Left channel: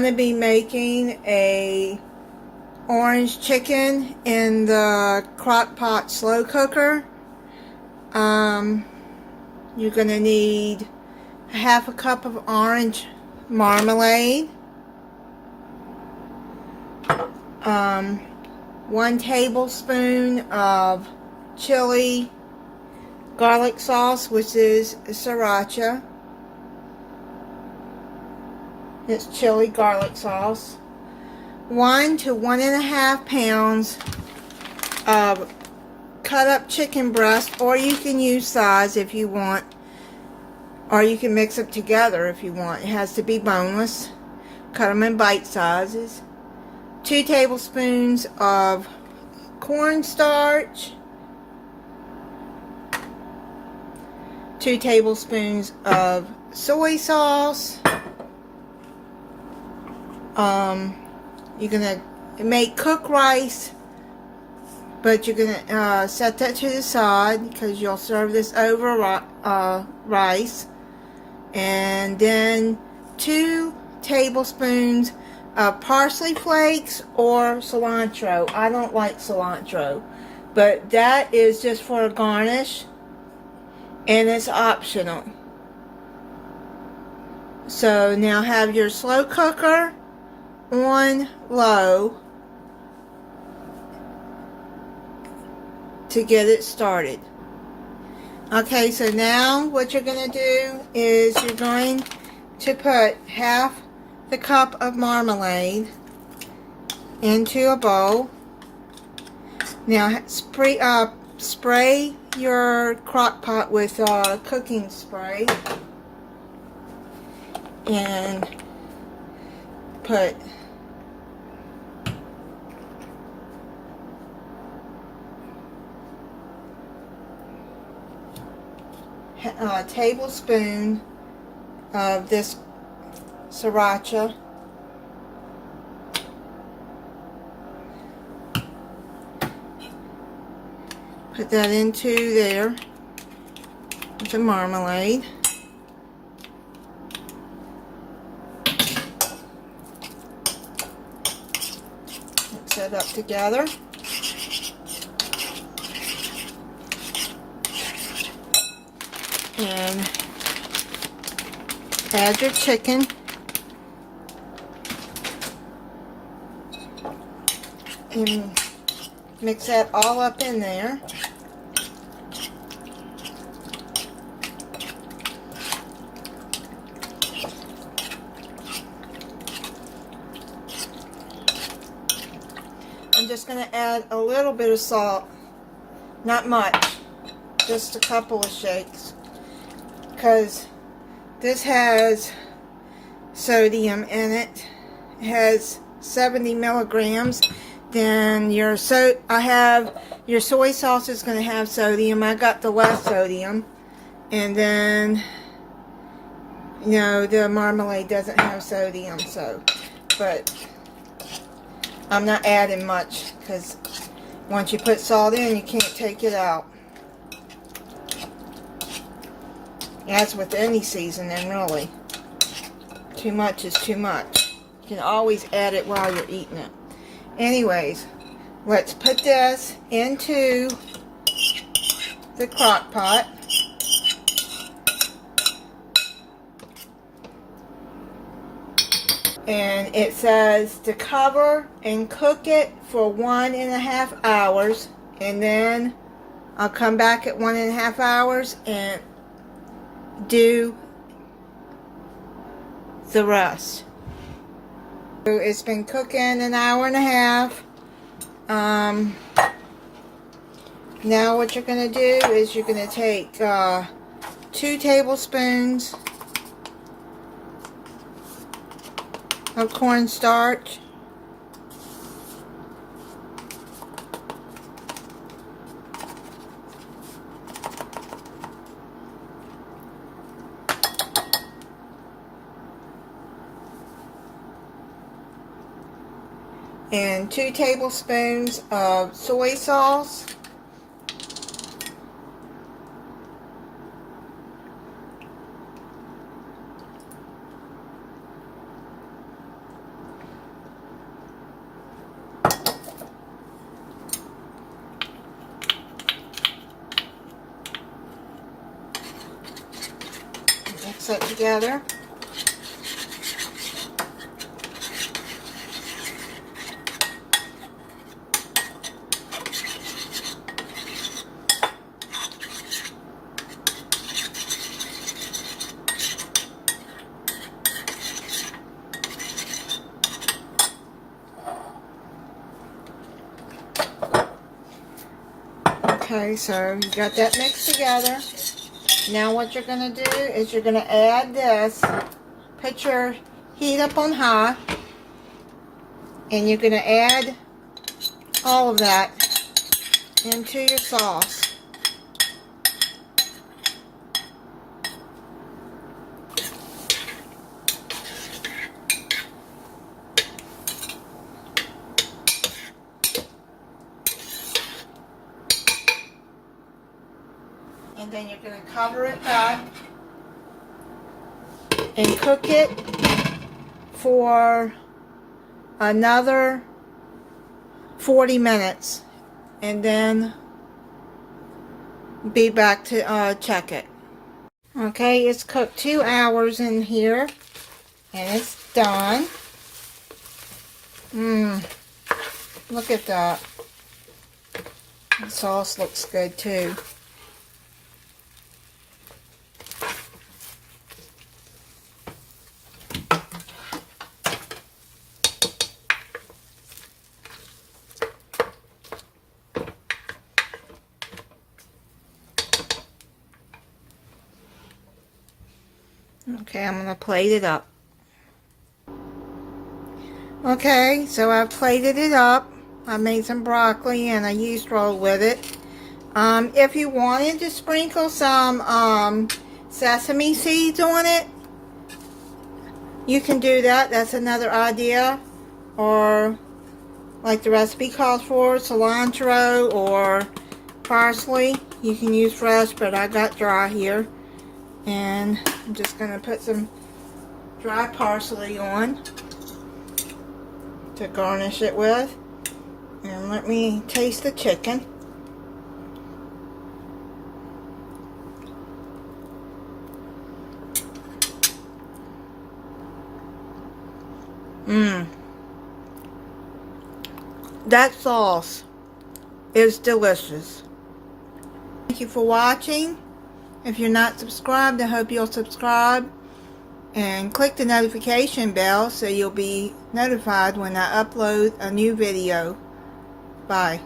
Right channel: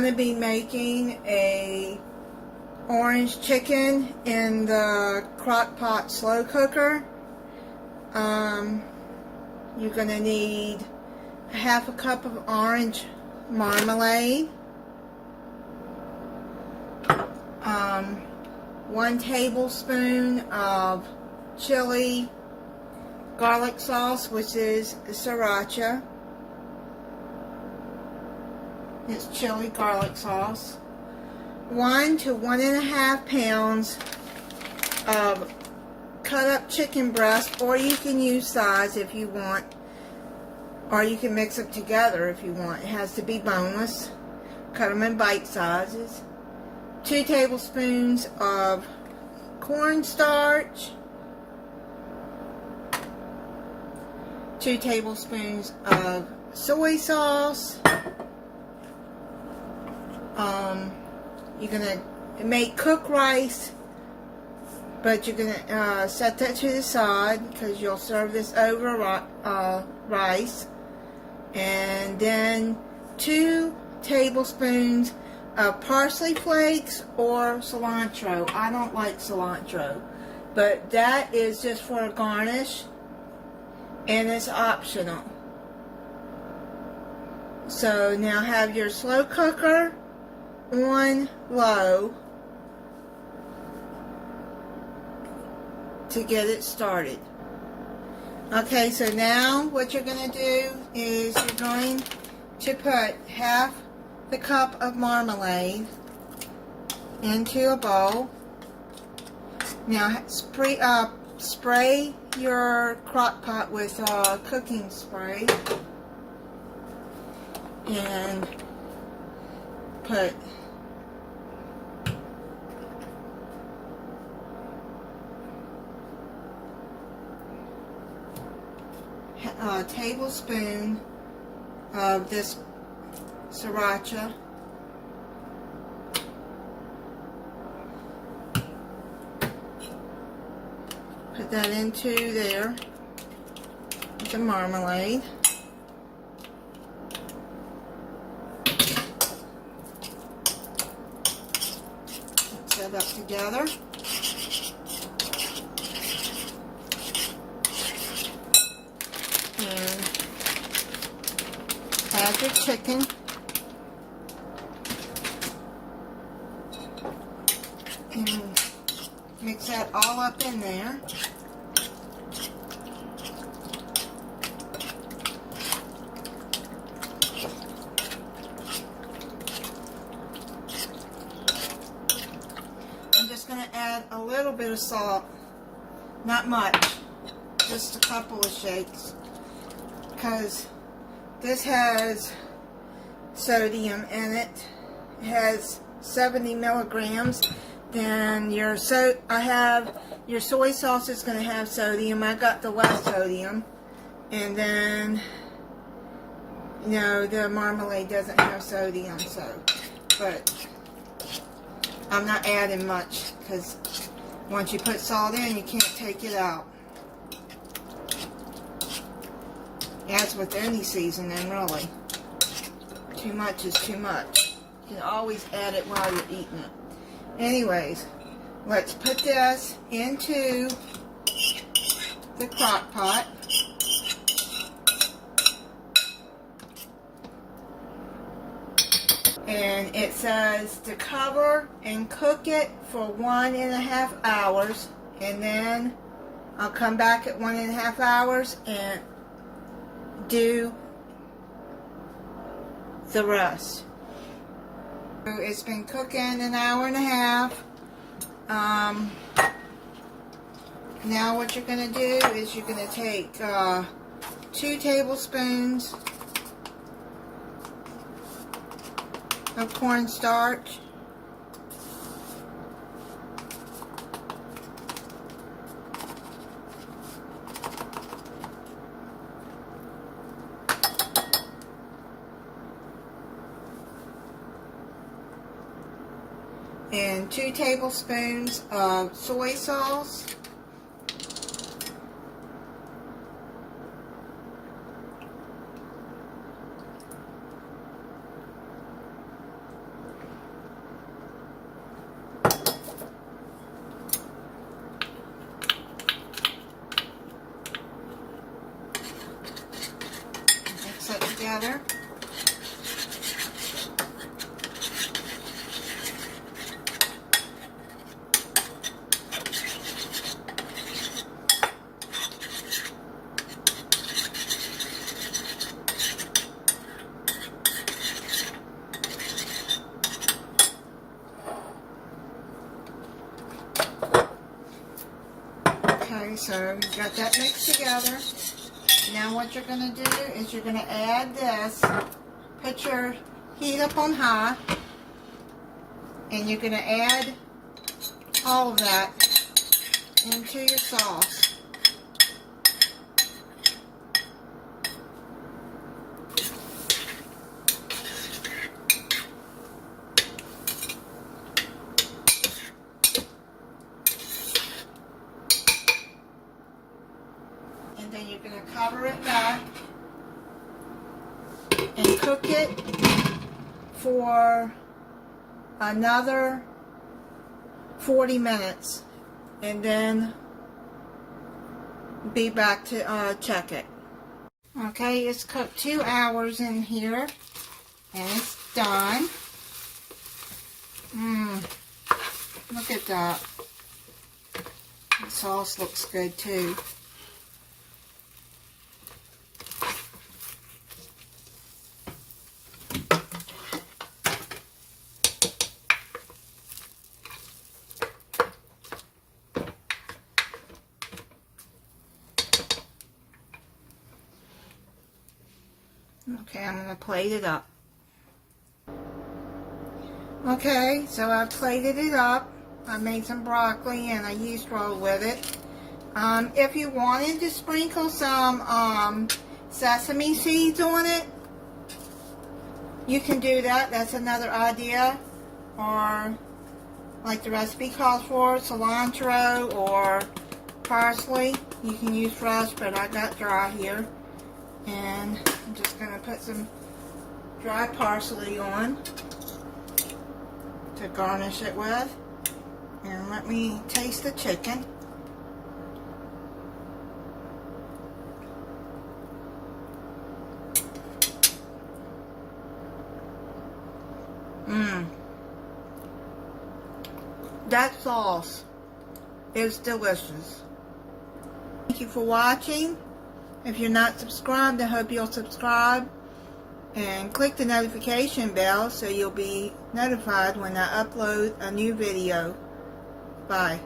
going to be making a orange chicken in the Crockpot slow cooker. You're going to need half a cup of orange marmalade, 1 tablespoon of chili garlic sauce, which is sriracha. It's chili garlic sauce. 1 to 1.5 pounds of cut up chicken breast, or you can use thighs if you want, or you can mix them together if you want. It has to be boneless. Cut them in bite sizes. 2 tablespoons of cornstarch. 2 tablespoons of soy sauce. You're gonna make cooked rice, but you're gonna set that to the side because you'll serve this over rice. And then 2 tablespoons of parsley flakes or cilantro. I don't like cilantro, but that is just for a garnish, and it's optional. So now have your slow cooker on low to get it started. Okay, so now what you're going to do is you're going to put half the cup of marmalade into a bowl. Now spray your crock pot with cooking spray and put a tablespoon of this sriracha. Put that into there, the marmalade. Mix that up together. And add your chicken. And mix that all up in there. I'm just going to add a little bit of salt, not much, just a couple of shakes, because this has sodium in it. It has 70 milligrams. Then your soy sauce is going to have sodium. I got the less sodium. And then, you know, the marmalade doesn't have sodium, so, but I'm not adding much because once you put salt in, you can't take it out. As with any seasoning, really. Too much is too much. You can always add it while you're eating it. Anyways, let's put this into the crock pot. And it says to cover and cook it for 1.5 hours. And then I'll come back at 1.5 hours and do the rest. So it's been cooking 1.5 hours. Now what you're going to do is you're going to take 2 tablespoons of cornstarch, and 2 tablespoons of soy sauce, it together. Okay, so you got that mixed together. Now what you're going to do is you're going to add this. Put your heat up on high. And you're going to add all of that into your sauce. And then you're going to cover it back and cook it for another 40 minutes and then be back to check it. Okay, it's cooked 2 hours in here and it's done. Look at that. The sauce looks good too. Okay, I'm going to plate it up. Okay, so I've plated it up. I made some broccoli and I yeast rolled with it. If you wanted to sprinkle some sesame seeds on it, you can do that. That's another idea. Or, like the recipe calls for, cilantro or parsley. You can use fresh, but I got dry here. And I'm just going to put some dry parsley on to garnish it with. And let me taste the chicken. That sauce is delicious. Thank you for watching. If you're not subscribed, I hope you'll subscribe and click the notification bell so you'll be notified when I upload a new video. Bye.